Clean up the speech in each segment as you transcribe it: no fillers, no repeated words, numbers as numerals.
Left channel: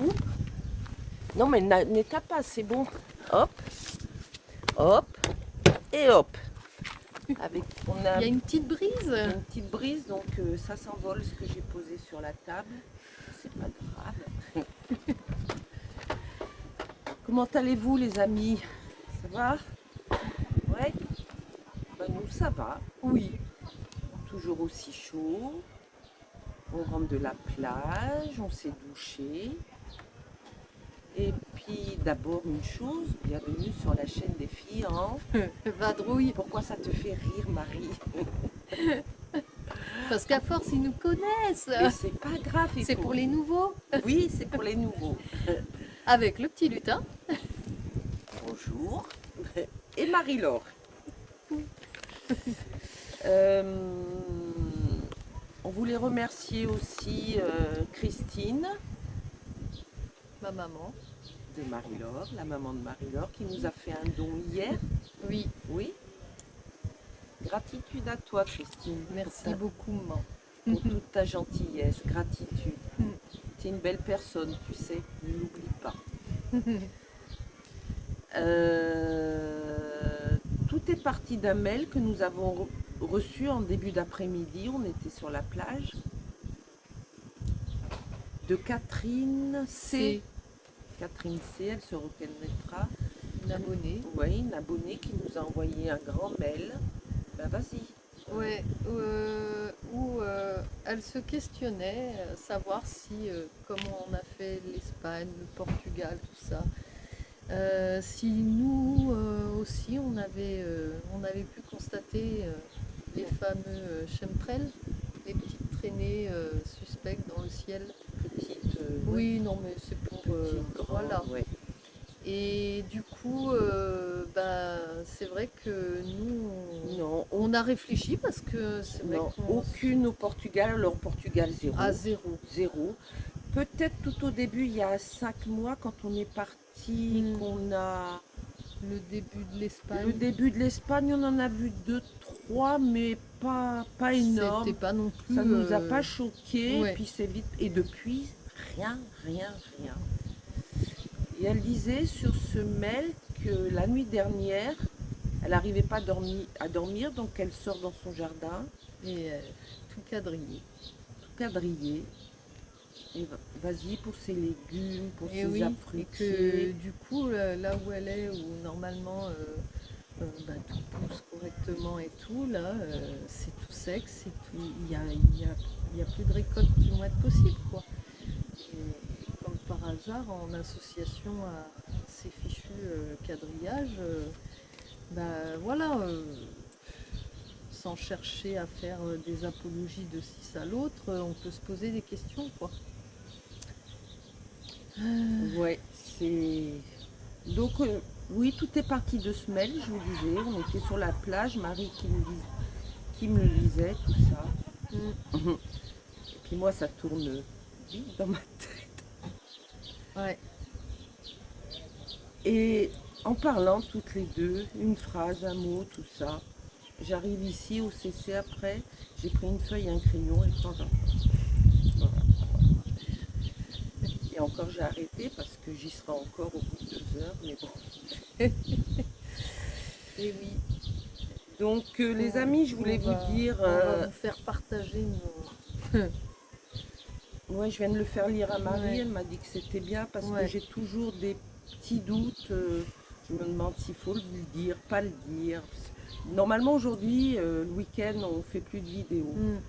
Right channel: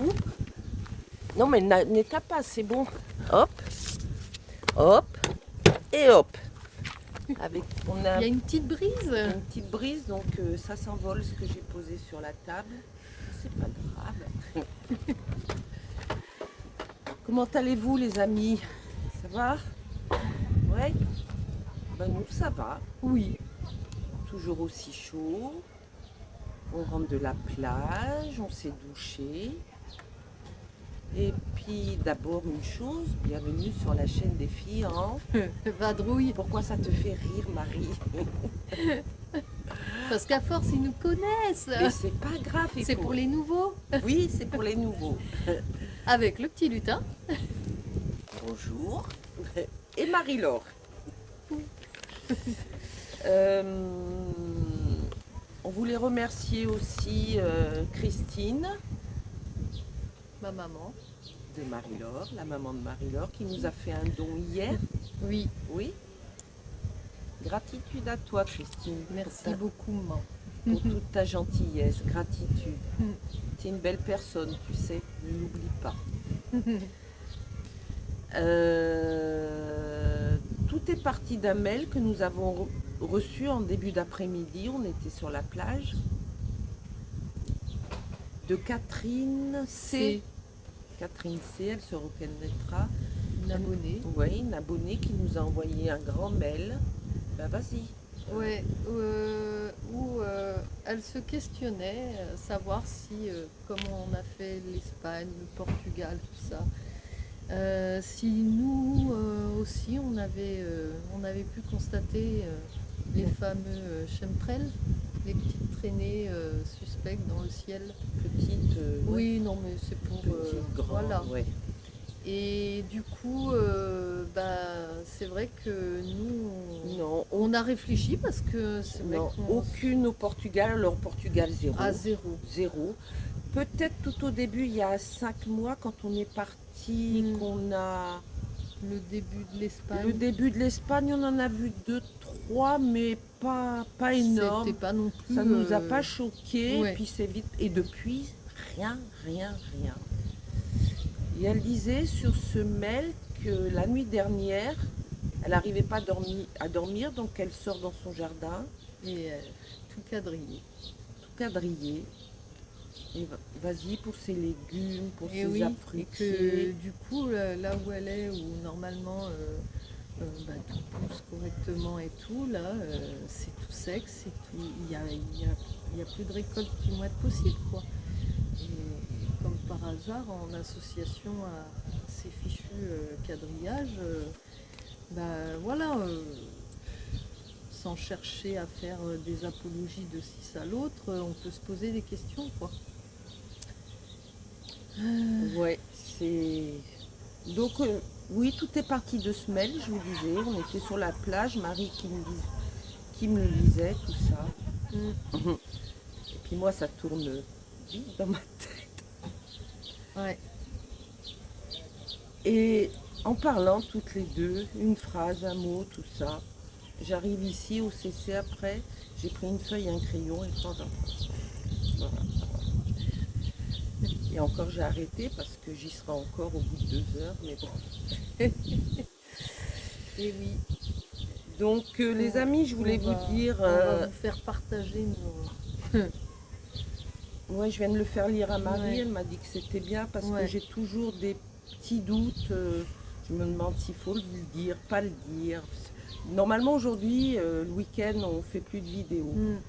Oups. Non, mais n'étape pas, c'est bon. Hop, hop, et hop. Avec, Il y a une petite brise. une petite brise, donc ça s'envole ce que j'ai posé sur la table. C'est pas grave. Comment allez-vous les amis? Ça va? Ouais? Ben nous ça va. Oui. Toujours aussi chaud. On rentre de la plage, on s'est douché. Et puis d'abord une chose, bienvenue sur la chaîne des filles en... Vadrouille. Pourquoi ça te fait rire Marie? Parce qu'à force, ils nous connaissent. Mais c'est pas grave. C'est pour les nouveaux. Oui, c'est pour les nouveaux. Avec le petit lutin. Bonjour. Et Marie-Laure. On voulait remercier aussi Christine Ma maman. de Marie-Laure, la maman de Marie-Laure, qui nous a fait un don hier. Oui. Oui. Gratitude à toi, Christine. Merci beaucoup, maman. Pour toute ta gentillesse. Gratitude. Mm. Tu es une belle personne, tu sais. Ne l'oublie pas. Tout est parti d'un mail que nous avons reçu en début d'après-midi. On était sur la plage. De Catherine C. Catherine C, elle se reconnaîtra. Une abonnée. Oui, une abonnée qui nous a envoyé un grand mail. Ben vas-y. Ouais, où elle se questionnait, savoir si, comment on a fait l'Espagne, le Portugal, tout ça, si nous aussi on avait pu constater les fameux chemtrails, les petites traînées suspectes dans le ciel. Petite. Oui, non, mais c'est pour. Petite, grande, Voilà. ouais. Et du coup, c'est vrai que nous, Non, on a réfléchi parce que c'est vrai non, qu'on aucune au Portugal. Alors Portugal, zéro. à zéro. Zéro. Peut-être tout au début, il y a 5 mois, quand on est parti, Mm. qu'on a... Le début de l'Espagne, Le début de l'Espagne, on en a vu 2, 3, mais pas énorme. c'était pas non plus. Ça nous a pas choqué, ouais. puis c'est vite. Et depuis, rien. Et elle disait sur ce mail que la nuit dernière, elle n'arrivait pas à dormir, donc elle sort dans son jardin, Et tout quadrillé. tout quadrillé. Et vas-y pour ses légumes, pour Et ses oui, et fruitiers. que du coup, là où elle est, où normalement tout pousse correctement et tout, là, c'est tout sec, c'est tout. Il y a plus de récoltes qui vont être possibles, quoi. Et comme par hasard, en association à ces fichus quadrillages, voilà, sans chercher à faire des apologies de ci à l'autre, on peut se poser des questions, quoi. Ouais, c'est... Donc, oui, tout est parti de ce mail, je vous disais. On était sur la plage, Marie qui me le lisait, tout ça. Mm. Et puis moi, ça tourne vite dans ma tête. Ouais. Et en parlant toutes les deux, une phrase, un mot, tout ça, j'arrive ici au CC après, j'ai pris une feuille et un crayon et quand j'en voilà. Et encore j'ai arrêté parce que j'y serai encore au bout de 2 heures, mais bon. Et oui. Donc les amis, je voulais vous dire... On va vous faire partager nos... Ouais, je viens de le faire lire à Marie, Ouais. elle m'a dit que c'était bien parce Ouais. que j'ai toujours des petits doutes. Je me demande s'il faut le dire, pas le dire. Normalement aujourd'hui, le week-end, on fait plus de vidéos. Mm.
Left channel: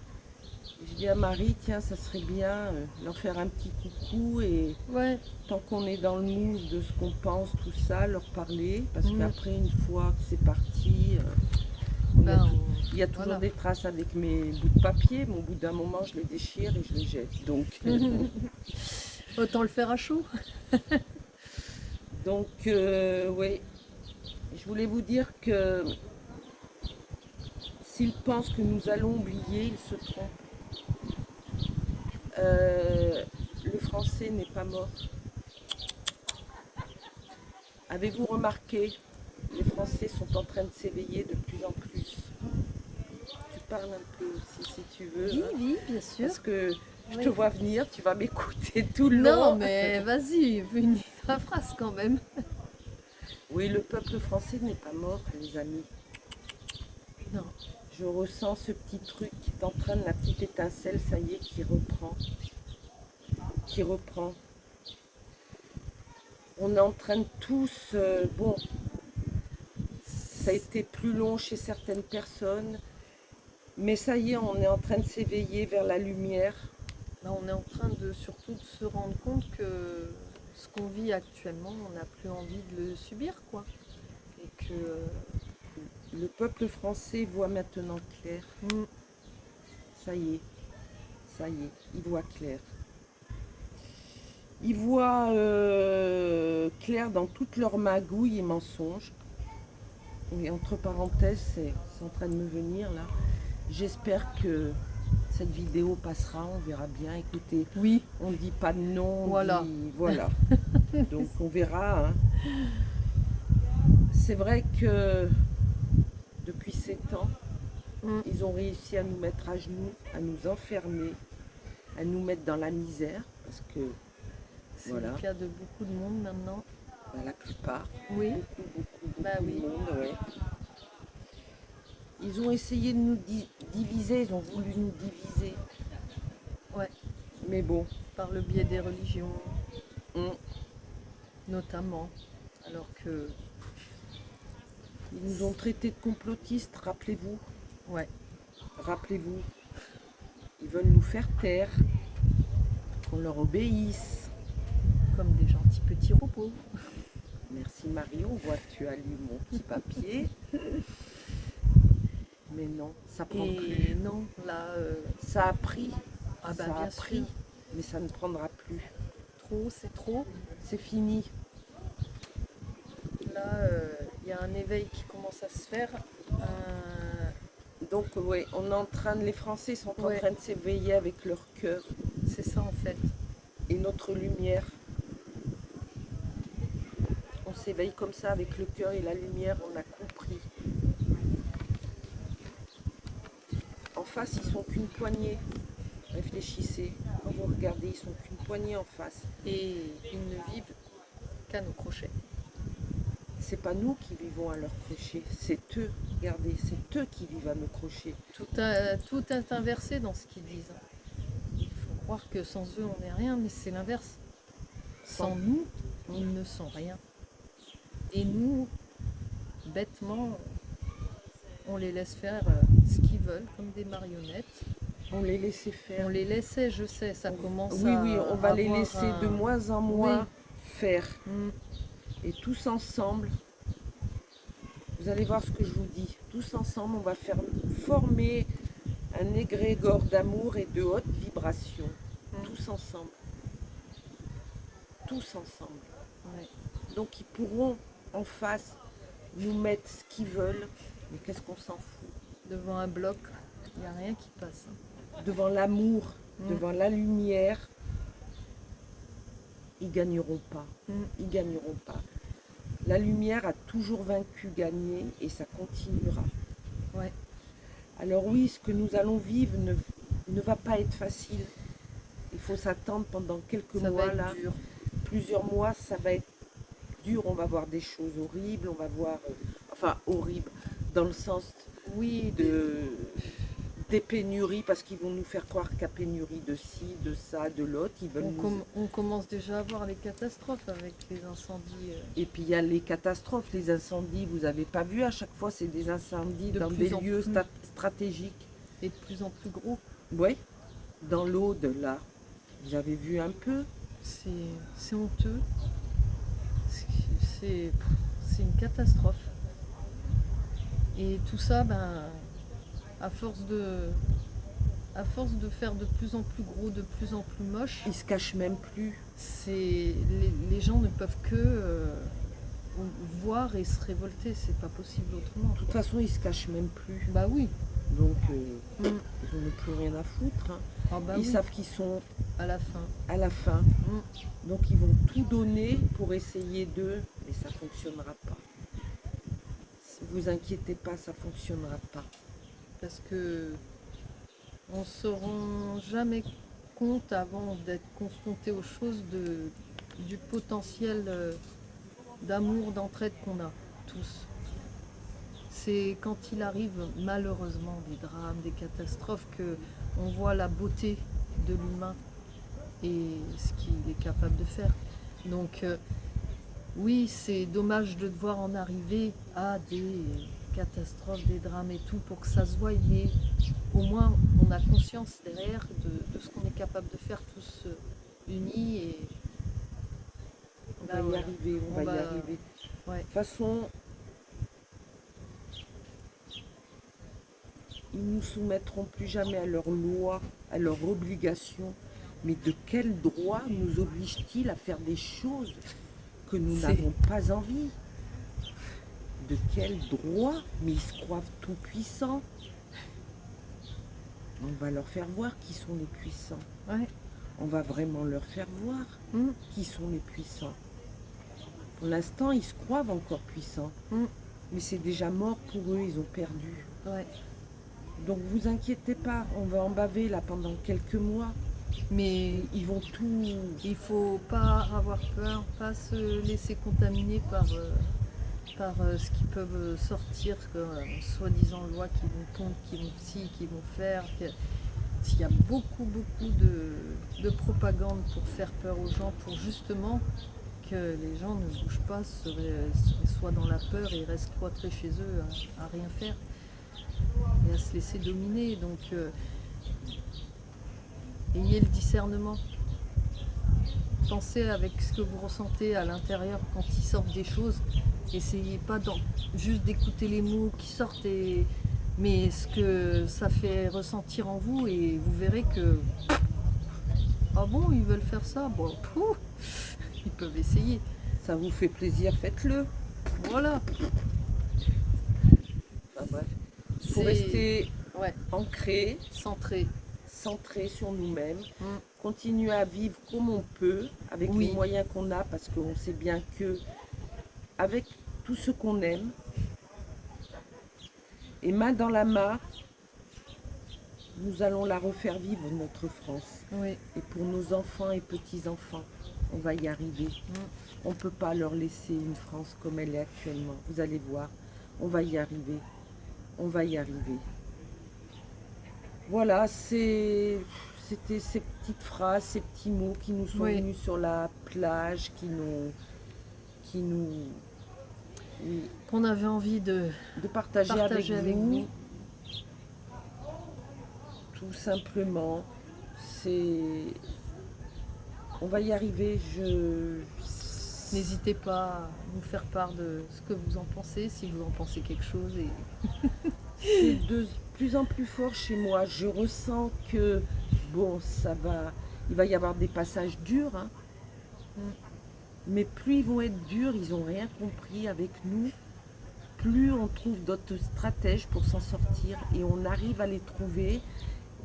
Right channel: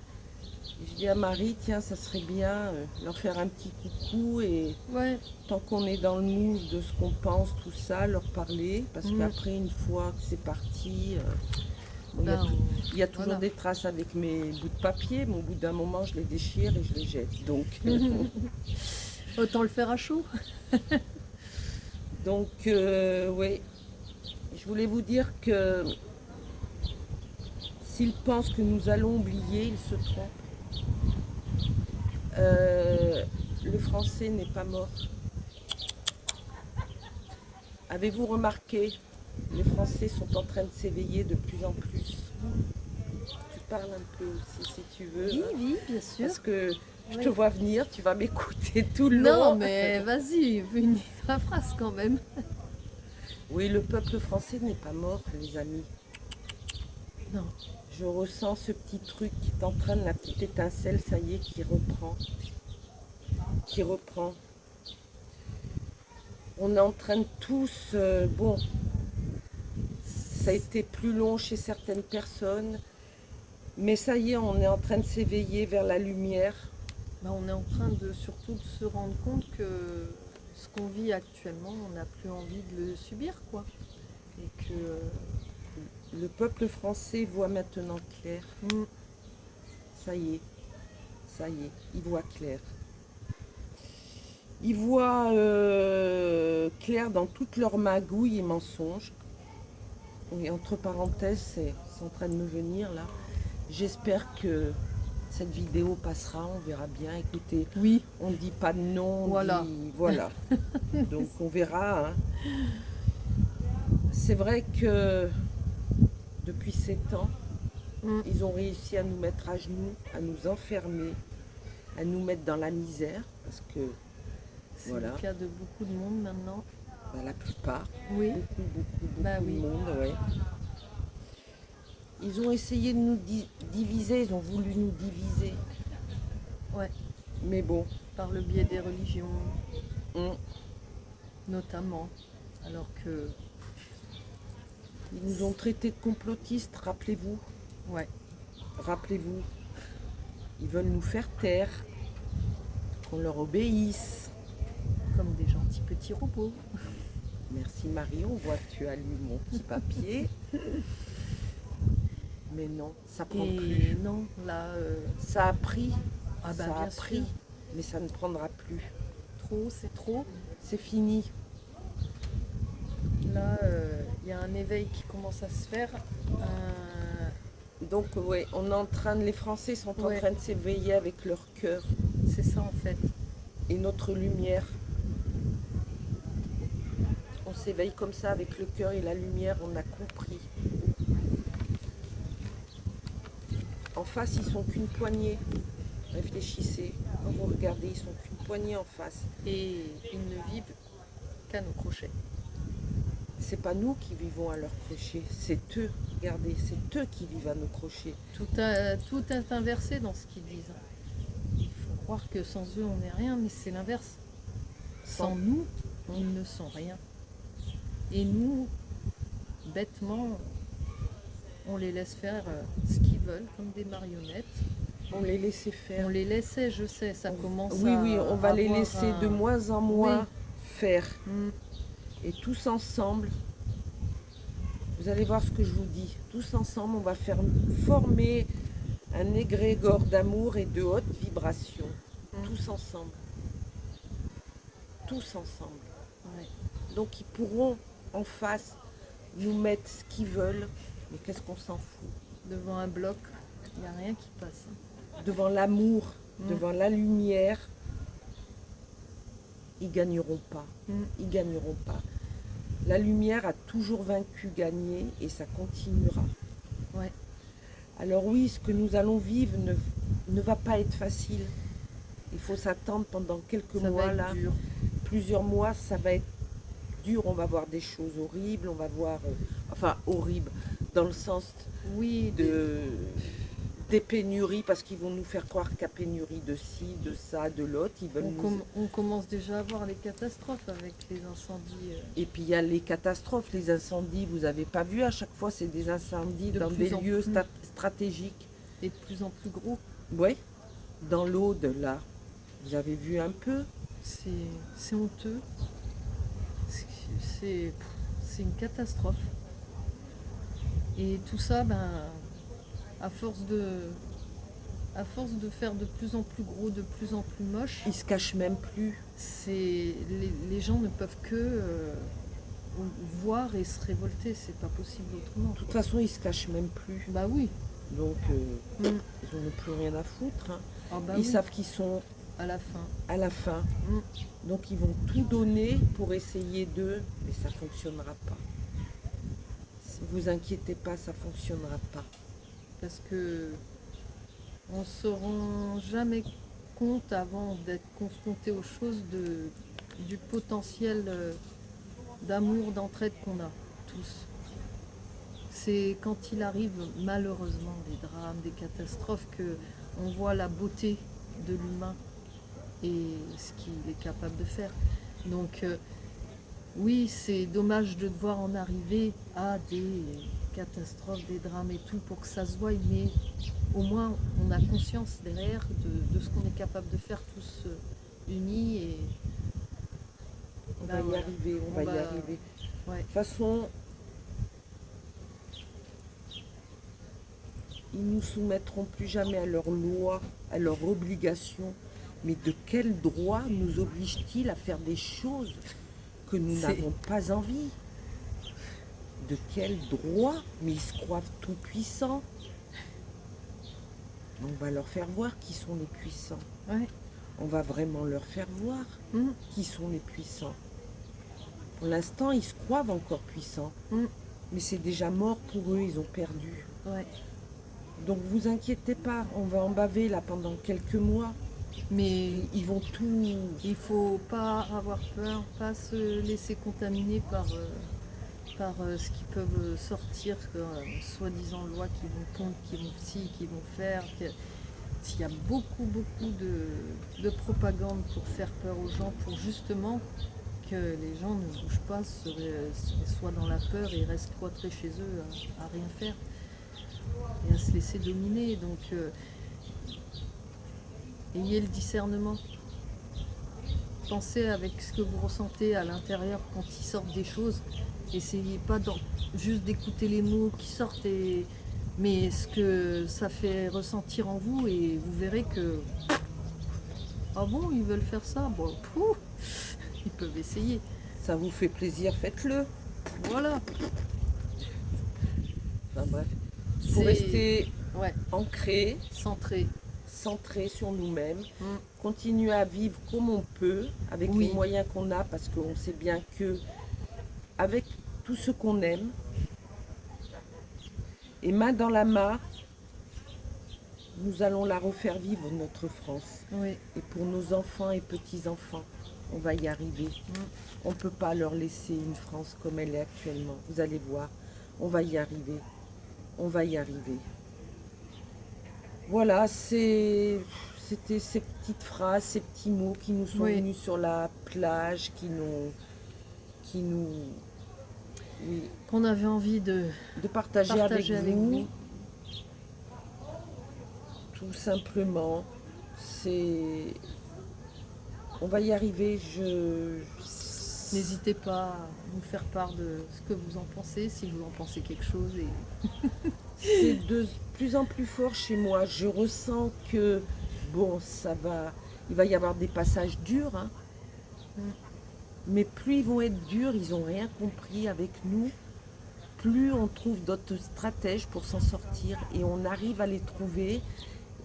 Je dis à Marie, tiens, ça serait bien leur faire un petit coucou et Ouais. tant qu'on est dans le mood de ce qu'on pense, tout ça, leur parler. Parce Mm. qu'après, une fois que c'est parti, il y a toujours voilà. des traces avec mes bouts de papier, mais au bout d'un moment, je les déchire et je les jette. Donc, Autant le faire à chaud. donc oui, je voulais vous dire que s'ils pensent que nous allons oublier, ils se trompent. Le français n'est pas mort. Avez-vous remarqué, les Français sont en train de s'éveiller de plus en plus. Tu parles un peu aussi si tu veux. Oui, Hein, oui, bien sûr. parce que Je Oui. te vois venir, tu vas m'écouter tout le Non, long. mais vas-y, finis ta phrase quand même. Oui, le peuple français n'est pas mort, les amis. Non, Je ressens ce petit truc qui t'entraîne, la petite étincelle, ça y est, qui reprend. Qui reprend. On entraîne tous, bon, ça a été plus long chez certaines personnes, mais ça y est, on est en train de s'éveiller vers la lumière. bah, on est en train de surtout de se rendre compte que ce qu'on vit actuellement, on n'a plus envie de le subir, quoi. Et que Le peuple français voit maintenant clair. mm, Ça y est, ça y est, il voit clair. Il voit clair dans toutes leurs magouilles et mensonges. Oui, entre parenthèses, c'est en train de me venir là. J'espère que cette vidéo passera, on verra bien. Écoutez, oui, on ne dit pas de non, on voilà. dit voilà. Donc on verra, hein. C'est vrai que depuis 7 ans, Mm, ils ont réussi à nous mettre à genoux, à nous enfermer, à nous mettre dans la misère, parce que c'est voilà, le cas de beaucoup de monde maintenant. bah, la plupart, Oui, beaucoup bah de oui. monde, ouais. Ils ont essayé de nous diviser, ils ont voulu nous diviser. Ouais, Mais bon, par le biais des religions, on- notamment. Alors que, ils nous ont traités de complotistes, rappelez-vous. ouais, Rappelez-vous, ils veulent nous faire taire, qu'on leur obéisse. comme des gentils petits robots. Merci Marie, on voit que tu as lu mon petit papier. Mais non, ça prend Et plus. non, là, Ça a pris, ah bah ça a bien pris, sûr, mais ça ne prendra plus. trop, c'est trop. C'est fini. Là, il y a un éveil qui commence à se faire. Donc ouais, on est en train de, les Français sont en Ouais. train de s'éveiller avec leur cœur C'est ça en fait. et notre lumière. On s'éveille comme ça avec le cœur et la lumière, on a compris. En face, ils sont qu'une poignée. Réfléchissez. Quand vous regardez, ils sont qu'une poignée en face. Et ils ne vivent qu'à nos crochets. C'est pas nous qui vivons à leur crochet, c'est eux. Regardez, c'est eux qui vivent à nos crochets. Tout est inversé dans ce qu'ils disent. Il faut croire que sans eux, on n'est rien, mais c'est l'inverse. Sans nous, ils ne sont rien. Et nous, bêtement, on les laisse faire ce qu'ils veulent, comme des marionnettes. On les laissait faire. On les laissait, je sais, ça commence Oui, à oui, on va les avoir laisser un- de moins en moins Oui. faire. Mm, Et tous ensemble, vous allez voir ce que je vous dis. Tous ensemble, on va faire former un égrégore d'amour et de haute vibration. Mm. Tous ensemble. Tous ensemble. ouais. Donc ils pourront en face nous mettre ce qu'ils veulent. Mais qu'est-ce qu'on s'en fout? Devant un bloc, il n'y a rien qui passe. Devant l'amour, Mm. devant la lumière, ils gagneront pas. Mm. Ils gagneront pas. La lumière a toujours vaincu, gagné, et ça continuera. Ouais. Alors oui, ce que nous allons vivre ne va pas être facile. Il faut s'attendre pendant quelques Ça mois va être là. dur. Plusieurs mois, ça va être dur. On va voir des choses horribles. On va voir, enfin horribles, dans le sens Oui, des pénuries, parce qu'ils vont nous faire croire qu'il y a pénurie de ci, de ça, de l'autre. Ils veulent nous... on commence déjà à voir les catastrophes avec les incendies. Et puis il y a les catastrophes, les incendies. Vous n'avez pas vu, à chaque fois, c'est des incendies De dans plus des en lieux plus. stratégiques. Et de plus en plus gros. Oui, dans l'Aude, là. J'avais vu un peu. C'est honteux. C'est une catastrophe. Et tout ça, ben, à force de faire de plus en plus gros, de plus en plus moche, Ils se cachent même plus. les gens ne peuvent que voir et se révolter. C'est pas possible autrement. De toute façon, ils se cachent même plus. Bah oui. Donc, Mm. ils n'ont plus rien à foutre, hein. Ah bah Ils oui, savent qu'ils sont à la fin. à la fin. Mm. Donc, ils vont tout donner pour essayer d'eux, mais ça ne fonctionnera pas. Ne vous inquiétez pas, ça ne fonctionnera pas. Parce que on se rend jamais compte avant d'être confronté aux choses du potentiel d'amour, d'entraide qu'on a tous. C'est quand il arrive malheureusement des drames, des catastrophes que on voit la beauté de l'humain et ce qu'il est capable de faire. Donc oui, c'est dommage de devoir en arriver à des catastrophes, des drames et tout pour que ça se voie, mais au moins on a conscience derrière de ce qu'on est capable de faire tous unis et On ben va y voilà. arriver, on va y arriver. Ouais. De toute façon, ils nous soumettront plus jamais à leurs lois, à leurs obligations. Mais de quel droit nous oblige-t-il à faire des choses que nous C'est- n'avons pas envie? De quel droit? Mais ils se croient tout puissants. On va leur faire voir qui sont les puissants. Ouais. On va vraiment leur faire voir Mm. qui sont les puissants. Pour l'instant, ils se croient encore puissants. Mm. Mais c'est déjà mort pour eux, ils ont perdu. Ouais. Donc vous inquiétez pas, on va en baver là pendant quelques mois. Mais Ils vont tout... il faut pas avoir peur, pas se laisser contaminer par ce qui peuvent sortir, soi-disant lois qui vont contre, qui vont ci, qui vont faire. Il y a beaucoup de propagande pour faire peur aux gens, pour justement que les gens ne bougent pas, soient dans la peur et restent cloîtrés chez eux à rien faire et à se laisser dominer. Donc ayez le discernement. Pensez avec ce que vous ressentez à l'intérieur quand il sort des choses. Essayez pas juste d'écouter les mots qui sortent, mais ce que ça fait ressentir en vous, et vous verrez que ah bon, ils veulent faire ça, bon, ils peuvent essayer. Ça vous fait plaisir, faites-le. Voilà. Enfin bref, il faut C'est- rester Ouais, ancré, centré. centré sur nous-mêmes, Mm. continuer à vivre comme on peut, avec Oui. les moyens qu'on a, parce qu'on sait bien que avec tout ce qu'on aime, et main dans la main, nous allons la refaire vivre, notre France. Oui. Et pour nos enfants et petits-enfants, on va y arriver. On ne peut pas leur laisser une France comme elle est actuellement. Vous allez voir, on va y arriver. On va y arriver. Voilà, c'était ces petites phrases, ces petits mots qui nous sont Oui. venus sur la plage, oui, Qu'on avait envie de de partager avec partager vous. avec vous. Tout simplement, on va y arriver. N'hésitez pas à nous faire part de ce que vous en pensez, si vous en pensez quelque chose. C'est de plus en plus fort chez moi. Je ressens que, bon, il va y avoir des passages durs, hein. Mais plus ils vont être durs, ils n'ont rien compris avec nous, plus on trouve d'autres stratèges pour s'en sortir et on arrive à les trouver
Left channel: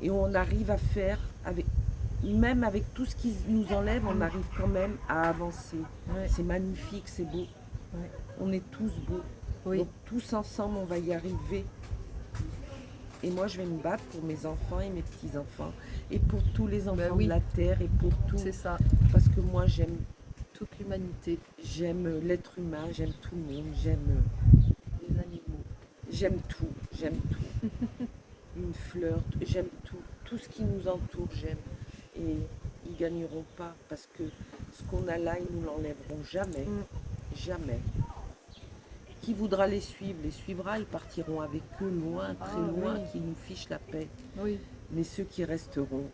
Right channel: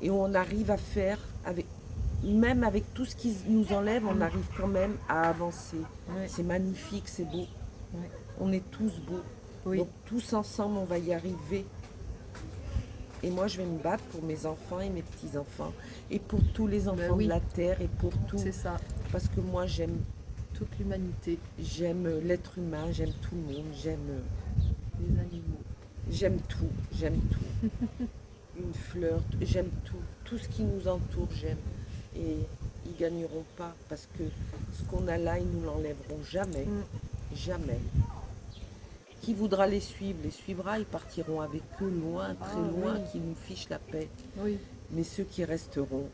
et on arrive à faire, même avec tout ce qui nous enlève, on arrive quand même à avancer. Ouais. C'est magnifique, c'est beau. Ouais. On est tous beaux. Oui. Donc tous ensemble, on va y arriver. Et moi, je vais me battre pour mes enfants et mes petits-enfants. Et pour tous les enfants oui. de la Terre et pour tout. C'est ça, Parce que moi, j'aime toute l'humanité, l'être humain, j'aime tout le monde, j'aime les animaux. j'aime tout. Une fleur, j'aime tout. Tout ce qui nous entoure, j'aime. Et ils gagneront pas parce que ce qu'on a là, ils nous l'enlèveront jamais. Jamais. Qui voudra les suivra, ils partiront avec eux loin, très Ah, loin, oui. qui nous fichent la paix. Oui, Mais ceux qui resteront,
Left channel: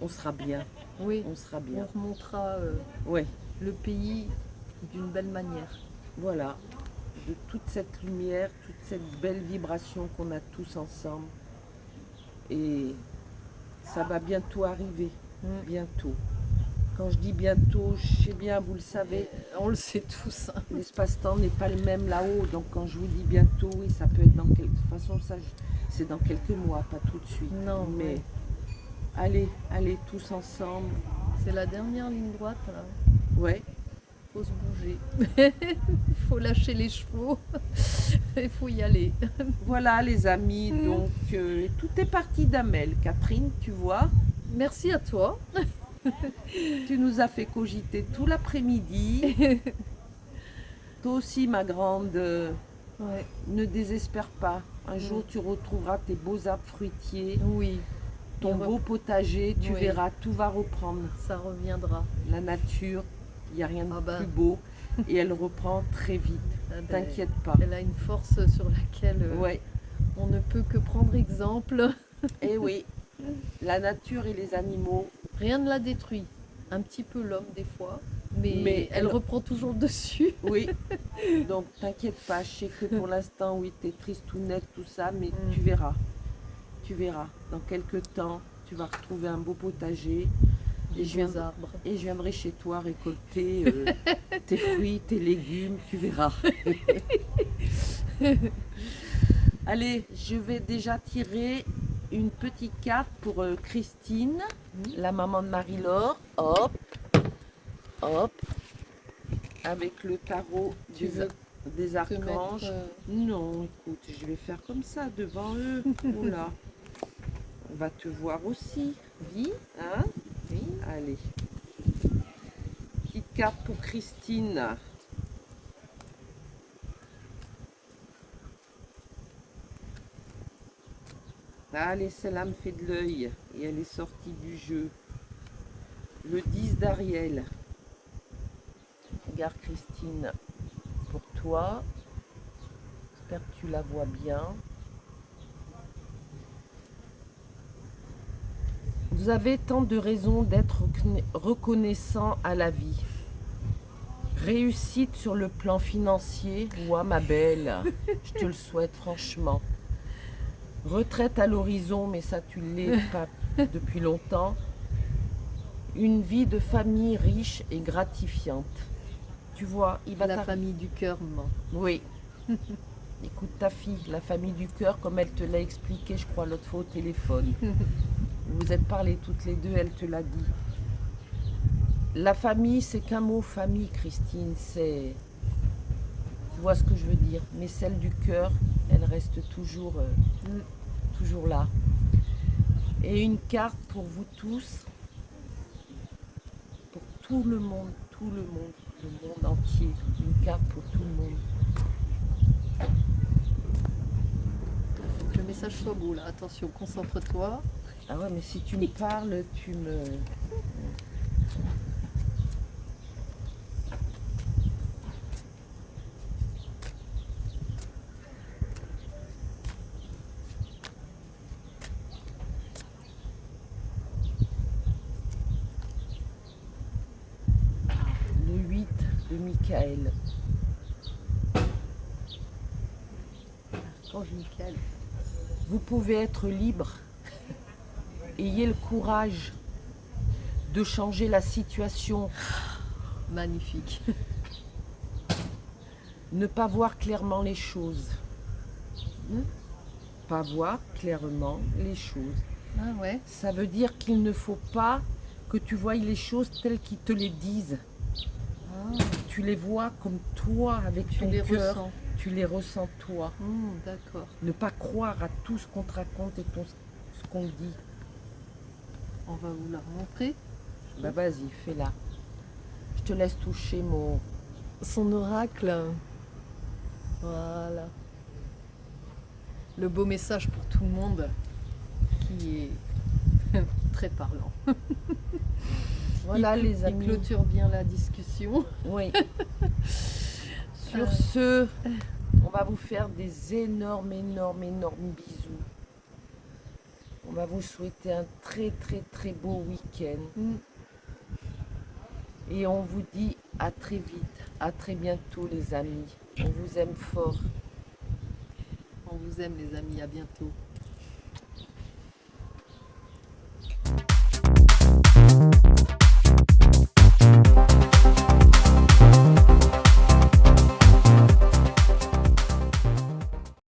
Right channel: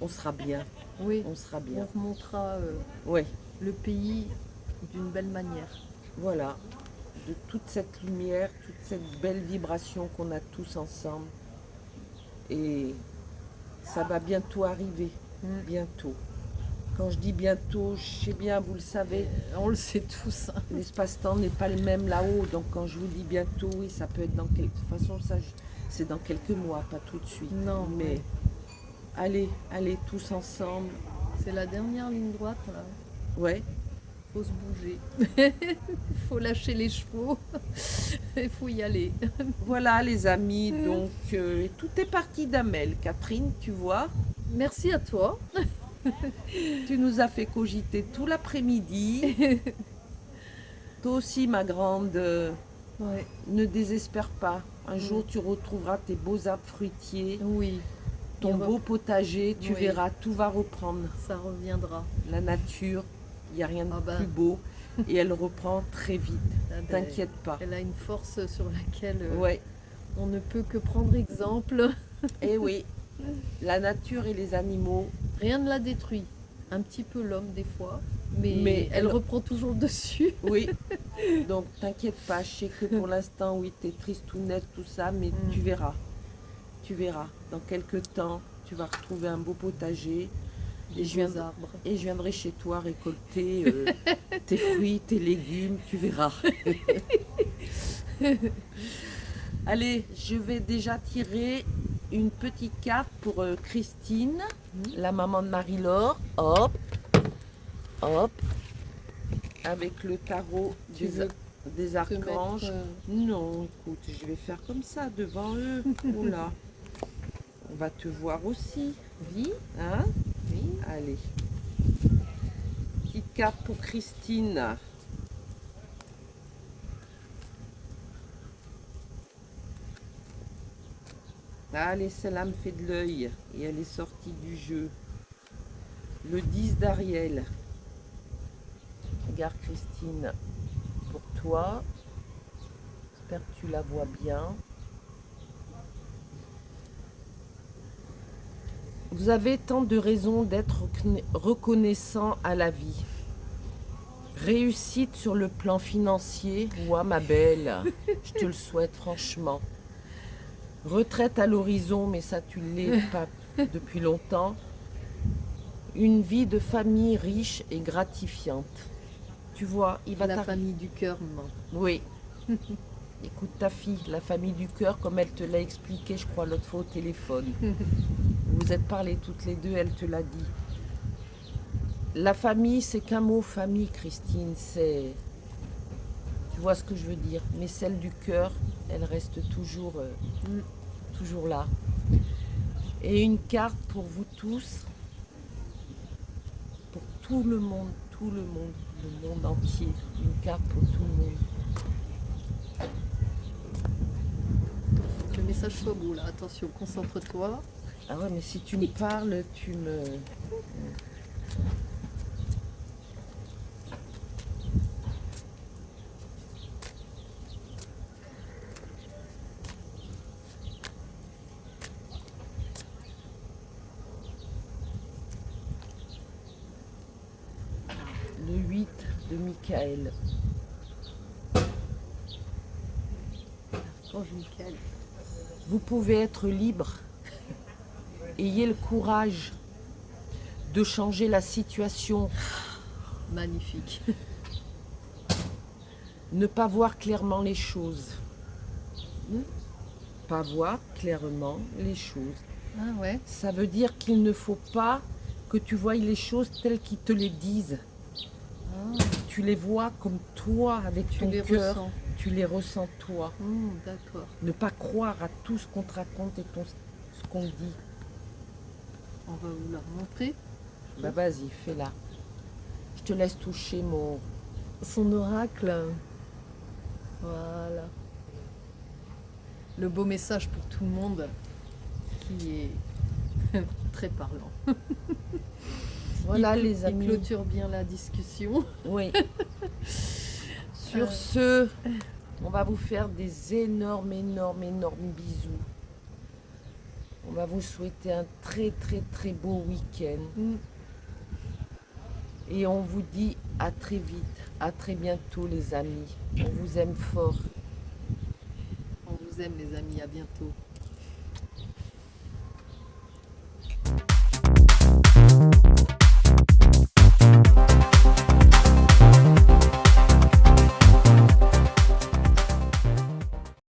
on sera bien, oui, on sera on bien. remontera Ouais, le pays d'une belle manière. voilà. De toute cette lumière, toute cette belle vibration qu'on a tous ensemble. Et ça va bientôt arriver, bientôt. Quand je dis bientôt, je sais bien, vous le savez, On le sait tous. l'espace-temps n'est pas le même là-haut. Donc quand je vous dis bientôt, oui, ça peut être dans quelques... De toute façon, ça, c'est dans quelques mois, pas tout de suite. Non, mais ouais. allez tous ensemble. C'est la dernière ligne droite là. Ouais, faut se bouger. Il faut lâcher les chevaux. Il faut y aller. Voilà les amis, donc tout est parti d'Amel. Catherine, tu vois, Merci à toi. tu nous as fait cogiter tout l'après-midi. Toi aussi, ma grande, Ouais. ne désespère pas. Un jour, tu retrouveras tes beaux arbres fruitiers, Oui, ton Il beau potager, tu Oui. verras, tout va reprendre. ça reviendra. La nature, il n'y a rien de Ah bah. plus beau et elle reprend très vite. Ah ben, T'inquiète pas. Elle a une force sur laquelle Ouais, on ne peut que prendre exemple. et oui, la nature et les animaux, Rien ne la détruit. Un petit peu l'homme des fois, mais, Mais elle elle- reprend toujours le dessus. oui. Donc t'inquiète pas, je sais que pour l'instant, oui, t'es triste tout net, tout ça, mais Mm. tu verras. Tu verras. Dans quelques temps, tu vas retrouver un beau potager Des je viens beaux de- arbres. et je viendrai chez toi récolter tes fruits, tes légumes, tu verras. Allez, je vais déjà tirer une petite carte pour Christine, la maman de Marie-Laure. Hop, hop, avec le tarot Tu veux des te archanges. mettre, Non, écoute, je vais faire comme ça devant eux. Oula, on va te voir aussi. oui, Hein? oui. Allez. Petite carte pour Christine. Allez, celle-là me fait de l'œil et elle est sortie du jeu. Le 10 d'Ariel. Regarde Christine, pour toi. J'espère que tu la vois bien. Vous avez tant de raisons d'être reconnaissant à la vie. Réussite sur le plan financier, ouah ma belle, je te le souhaite franchement. Retraite à l'horizon, mais ça tu l'es pas depuis longtemps. Une vie de famille riche et gratifiante. Tu vois, il va La t'arriver. famille du cœur, maman. Oui. Écoute ta fille, la famille du cœur, comme elle te l'a expliqué, je crois, l'autre fois au téléphone. Vous vous êtes parlé toutes les deux, elle te l'a dit. La famille, c'est qu'un mot, famille, Christine, c'est... Tu vois ce que je veux dire. Mais celle du cœur, elle reste toujours, toujours là. Et une carte pour vous tous, pour tout le monde, le monde entier. Une carte pour tout le monde. Que le message soit beau là. Attention, concentre-toi. Ah ouais, mais si tu me parles, tu me... Le 8 de Michael. Quand Michael. Vous pouvez être libre. Ayez le courage de changer la situation. Magnifique. Ne pas voir clairement les choses. Mm. Pas voir clairement les choses. Ah ouais. Ça veut dire qu'il ne faut pas que tu voies les choses telles qu'ils te les disent. Ah, Tu les vois comme toi, avec tu ton les cœur. ressens. Tu les ressens toi. D'accord. Ne pas croire à tout ce qu'on te raconte et ce qu'on te dit. On va vous la remontrer. Bah vas-y, fais-la. Je te laisse toucher mon... Son oracle. Voilà. Le beau message pour tout le monde qui est très parlant. Voilà les Il amis. clôture bien la discussion. Oui. Sur ce, on va vous faire des énormes bisous. On va vous souhaiter un très beau week-end. Mm. Et on vous dit à très vite, à très bientôt les amis. On vous aime fort. On vous aime les amis, à bientôt.